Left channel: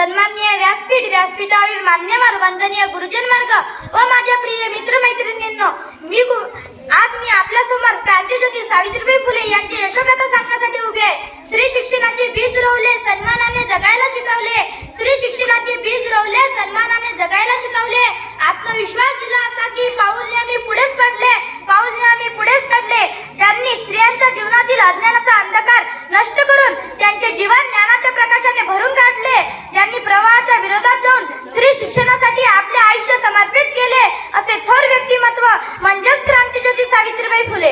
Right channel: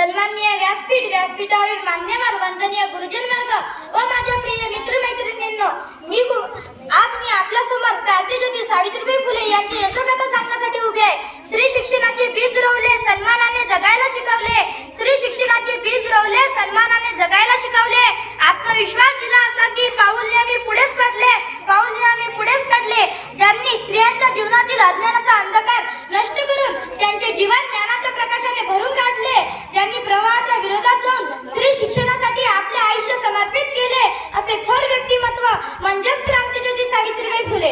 सन्माननीय व्यासपीठावरील मान्यवर वंदनीय गुरुजन वर्ग व माझ्या प्रिय मित्रमैत्रिणींनो, आज मी आपल्या समोर क्रांतिज्योती सावित्रीबाई फुले यांची यशोगाथा सांगण्यासाठी उभी आहे. स्त्री शिक्षणाचे बीज रोवले, सन्मानाने जगायला शिकवले. स्त्री शिक्षणाचे बीज रोवले, सन्मानाने जगायला शिकवले. आत्मविश्वास दिला असा की पाऊल नेहमी पुढेच पडले, पाऊल नेहमी पुढेच पडले. ज्यांनी स्त्रियांच्या जीवनातील अज्ञानाचा अंधकार नष्ट करून त्यांचे जीवन ज्ञानाच्या प्रकाशाने भरून काढले. ज्यांनी प्रवाहाच्या विरोधात जाऊन स्त्री शिक्षणासाठी आपले आयुष्य समर्पित केले, असे थोर व्यक्तिमत्व म्हणजेच क्रांतिज्योती सावित्रीबाई फुले.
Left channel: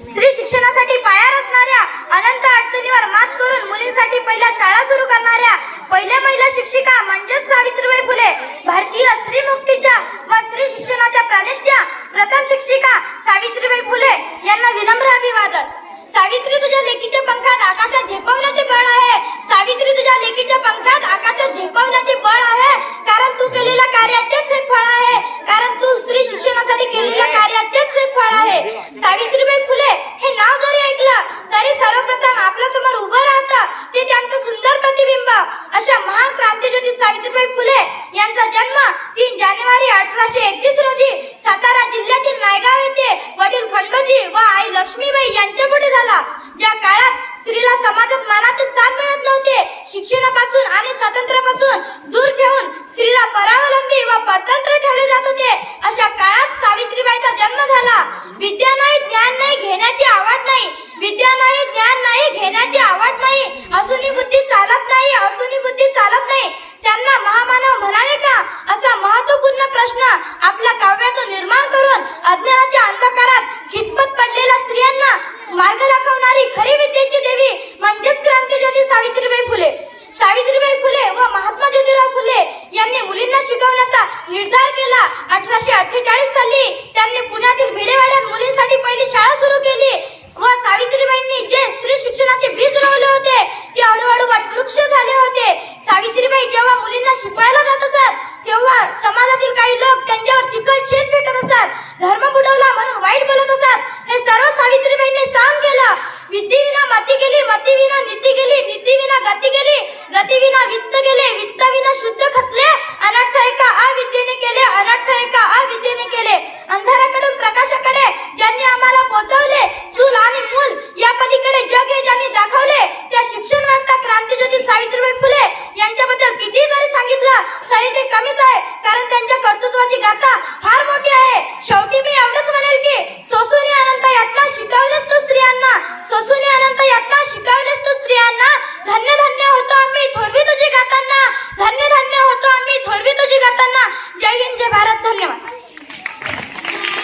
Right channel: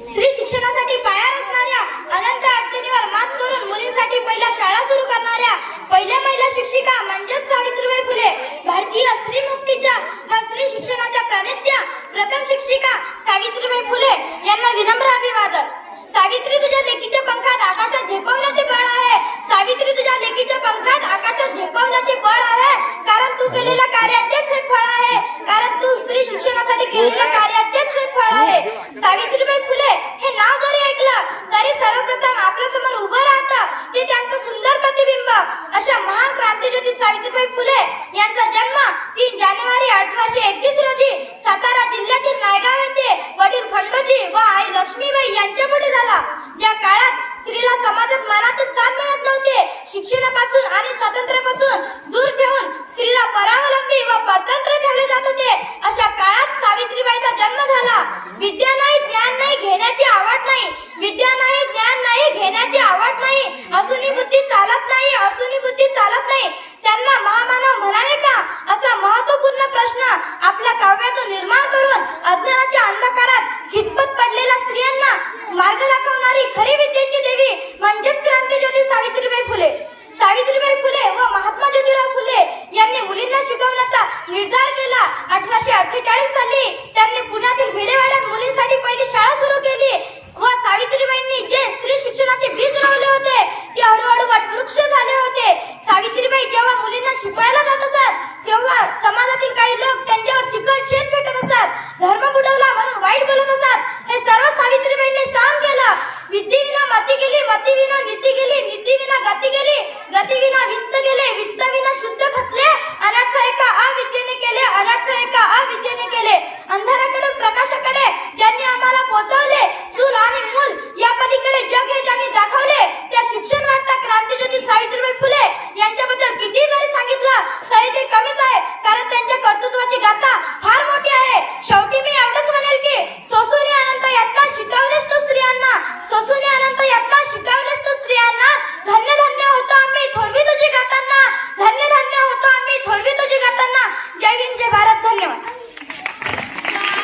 स्त्री शिक्षणासाठी पाया रचणाऱ्या, अनंत अडचणीवर मात करून मुलींसाठी पहिल्या शाळा सुरू करणाऱ्या पहिल्या महिला शिक्षिका म्हणजेच सावित्रीबाई फुले. भारतीय स्त्री मुक्तीच्या व स्त्री शिक्षणाच्या प्रणेत्या प्रथम शिक्षिका सावित्रीबाई फुले यांना विनम्र अभिवादन. सावित्री, तुझ्या लेकीच्या पंखात आकाशात झेपवण्याचे बळ आहे. सावित्री, तुझ्या लेकीच्या पंखात आकाशात झेपवण्याचे बळ आहे, कारण तू केलेल्या कार्याचेच हे फळ आहे, कारण तू स्त्री शिक्षणासाठी केलेल्या कार्याचेच हे फळ आहे. सावित्रीबाई फुले हे नाव जरी ऐकलं तरी सर्वप्रथम आपल्या समोर उभं राहतं ते त्यांचं सुंदर प्रतिबिंब. अशा महान क्रांतिज्योती सावित्रीबाई फुले यांचा जन्म 3 जानेवारी 1831 रोजी सातारा जिल्ह्यातील नायगाव येथे वडील खंडोजी व आई लक्ष्मीबाई यांच्या पोटी झाला. ज्या काळात स्त्रीला समाजात मानाचे स्थान मिळत नव्हते, शिक्षणापासून आणि स्वातंत्र्यापासून दूर ठेवून स्त्रीला परावलंबी व परतंत्र ठेवले जात होते, अशा काळात सावित्रीबाईचा जन्म झाला. विद्या नाही, ज्ञान नाही, घेण्याची आवड नाही. विद्या नाही, ज्ञान नाही, घेण्याची आवड नाही. असूनी बुद्धी चालत नाही, असूनी बुद्धी चालत नाही. त्यांना महामानव म्हणावे का, असा महत्वपूर्ण प्रश्न आपल्या काव्यातून निर्माण करून अज्ञानाच्या अंधकारात खितपत पडलेल्या स्त्रियांना मार्ग दाखवणारी खरी विद्येची देवी म्हणजेच क्रांतिज्योती सावित्रीबाई फुले. सावित्रीबाई फुले व महात्मा ज्योतिराव फुले यांनी मुलींना शिकवण्याचा निर्धार केला. 1848 साली त्यांनी पुण्यातील भिडेवाड्यात मुलींसाठी पहिली शाळा सुरू केली व सावित्रीबाईंनी जे स्त्री शिक्षणाचे बीज रोवले होते ते हळूहळू वटवृक्ष झाले होते. सावित्रीबाई जेव्हा मुलींना शिकवायला जात असत तेव्हा समाजातील काही लोक त्यांच्यावर चिखल शेण फेकत असत, धर्म बुडवला म्हणून वाईट बोलत असत. हे सर्व सावित्रीबाईंनी सहन केलं. विद्येविना मती गेली, मतीविना नीती गेली, नीतीविना गती गेली, गतीविना वित्त गेले, वित्ताविना शुद्ध खचले. अनर्थ एका अविद्येने केले, अनर्थ एका अविद्येने केले. अंधाराकडे प्रकाशाकडे ज्यांनी आम्हाला पोहोचवले, चूल आणि मूल या पलीकडे जग हे ज्यांनी दाखवले, त्या शिक्षण वार्ता क्रांतिज्योती सावित्रीबाई फुले यांच्याबद्दल किती जरी सांगितलं तरी ते कमीच आहे, कारण त्यांच्या कर्तृत्वाची गाथा फार मोठी आहे. शेवटी मी एवढंच म्हणेल की सोसूनी अनंत यातना शिकवलेस तू स्त्रियांना, सोसूनी अनंत यातना शिकवलेस तू स्त्रियांना. धन्य धन्य होतो आम्ही थोरवी तुझी गाताना, धन्य धन्य होतो आम्ही थोरवी तुझी गाताना. जय हिंद, जय भारत, धन्यवाद.